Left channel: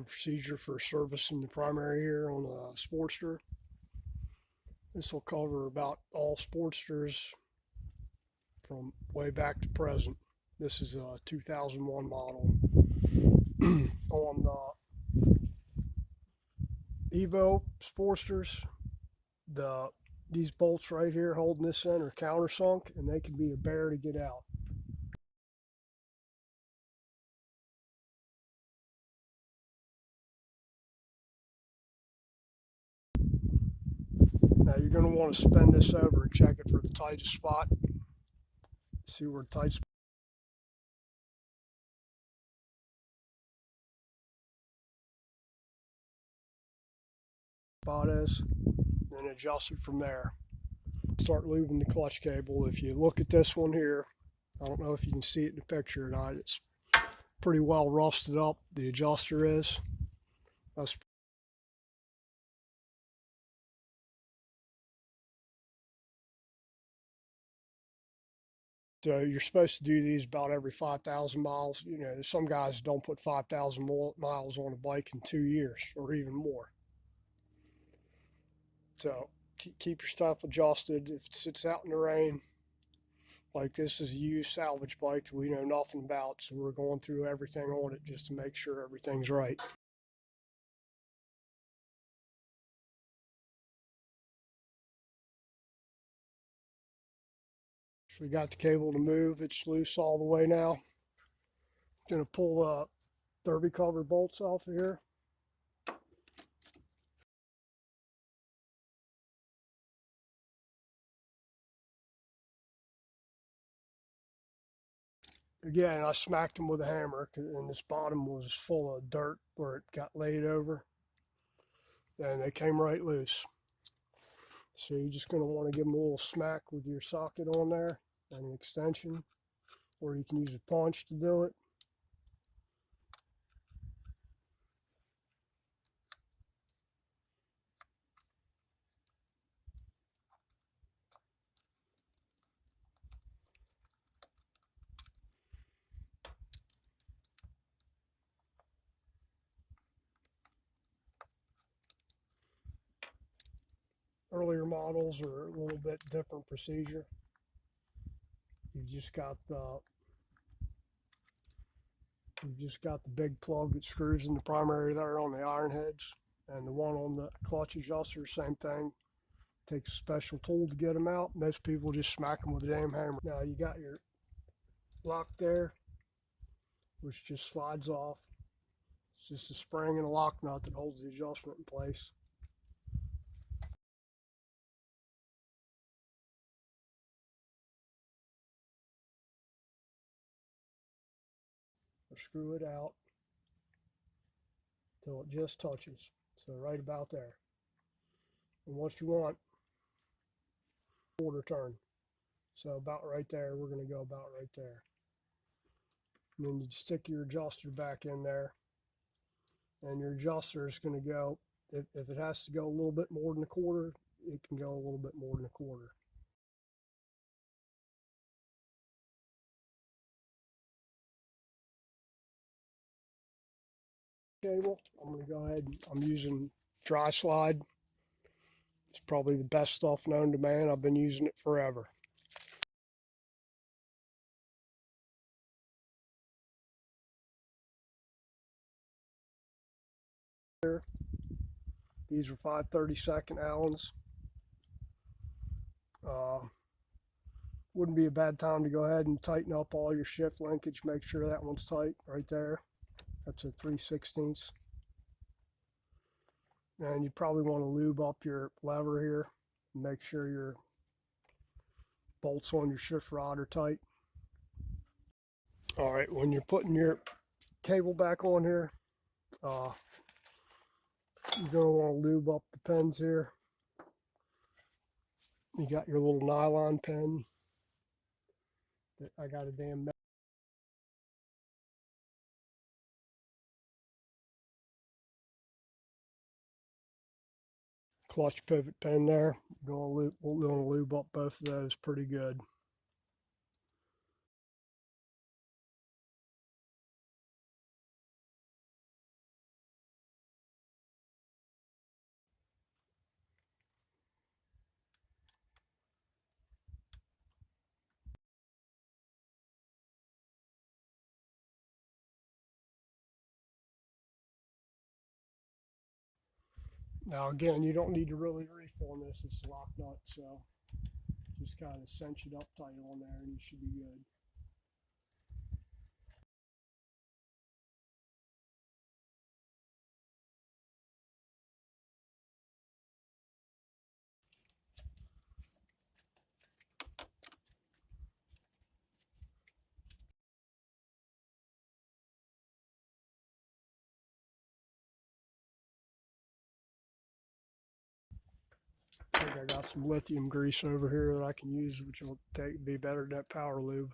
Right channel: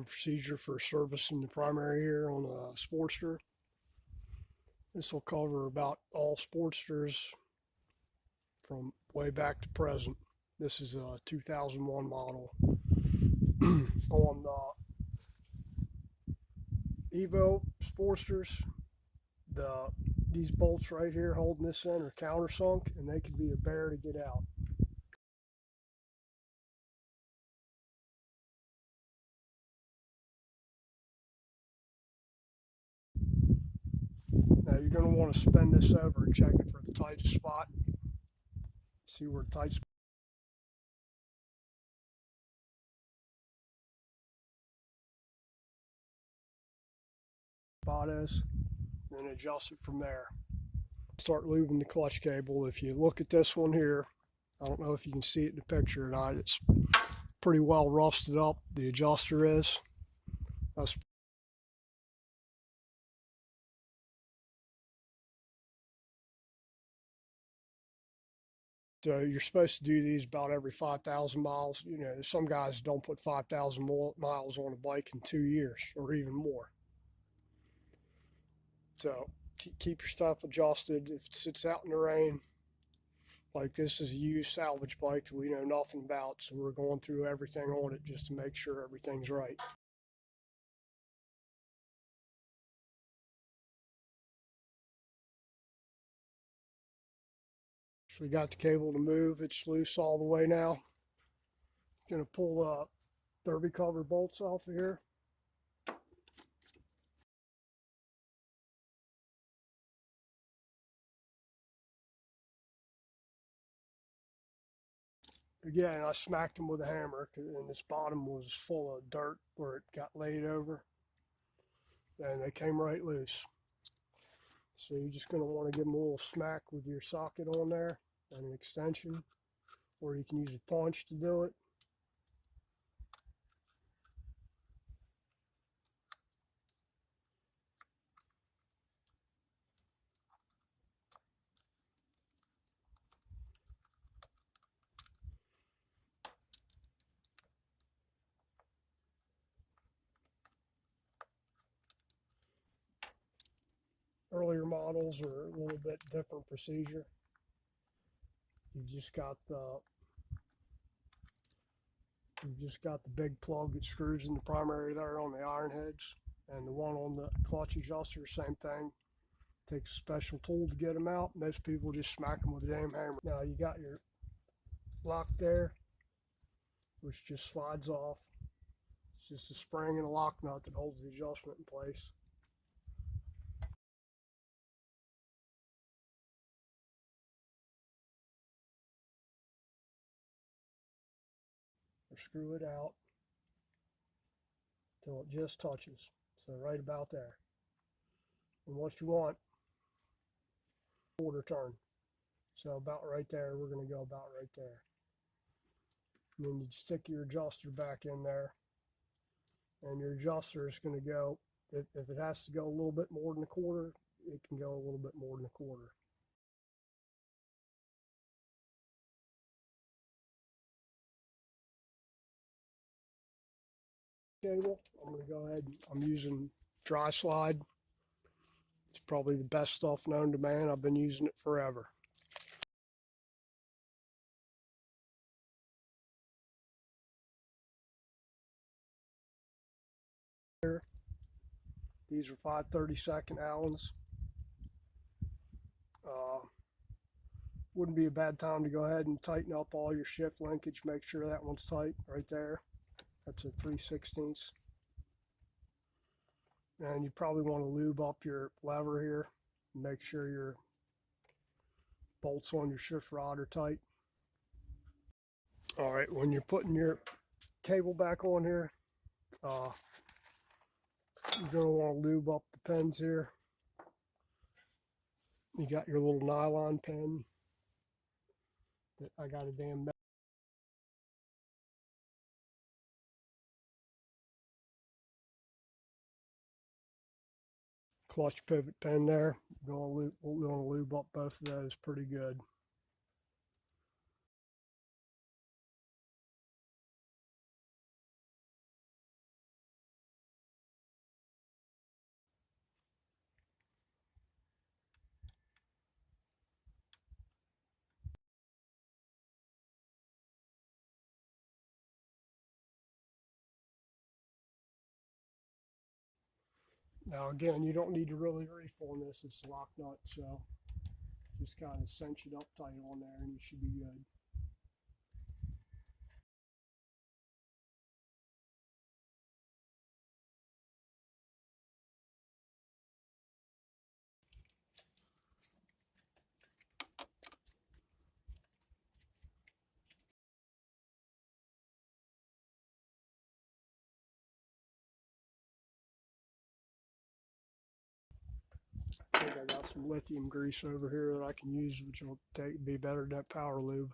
Procedure for servicing the primary here on a Sportster. This will cover about all Sportsters from way back to present. This is a 2001 model. On Evo Sportsters, these bolts right here holding this in are countersunk, and they can be a bear to get out. Now you're going to want to spin this over and check it for the tightest spot. See where the tight spot is, and adjust it from there. Start lubing the clutch cable. If you look at this one here, I don't know if you can see it in the picture or not, it's pretty well rusted up. The adjuster is. That's So you're supposed to do these about every 5,000 miles. You know, some guys don't put 5,000 miles on a bike in 2 years or even more. So keep your stuff adjusted. If it sits out in the rain, like this is a used salvage bike that we know nothing about, so we're going through everything on it just to make sure everything's right. So we got the cable to move. It's loose all the way now. Gonna pull the derby cover bolts off of here. Again, I smacked them with a hammer, and this bottom was full of dirt where it got laid over, and they came right loose. So you're just going to want to give them a little smack with your socket on there and an extension, or you can use a punch to do it. Earlier models are a little bit different procedure. You've just got the big plug that screws in the primary there on the iron heads, and the one on the clutch adjuster, same thing. Takes a special tool to get them out. Most people just smack them with a damn hammer. Now you got your lock there, which just slides off. It's just a spring and a lock nut that holds the adjustment in place. Or screw it out until it just touches. So right about there. And what you want, quarter turn. So about right there, we're going to go about right there. And then you stick your adjuster back in there, and your adjuster is going to go, if it has to go a little bit more than a quarter, it can go a little bit more than a quarter. Cable, I'm going to go ahead, I'm using Dri-slide. It's probably the best stuff known to man. I've been using it forever. These are 5/32 Allens. Wouldn't be a bad time to go ahead and tighten up all your shift linkage. Make sure that one's tight right there. That's a 3/16. And you probably want to lube up your lever here and make sure your bolts on your shift rod are tight. All right, when you're putting your cable back on here, you're going to want to lube up the pins here. You got your little nylon pin that I got a damn clutch pivot pin there. We're going to lube up both of those pretty good. Now again, you don't need to really reef on this, it's lock nut, so just kind of cinch it up tight on there and you should be good. I think I got some lithium grease over here that I can use, which will be better than that power lube.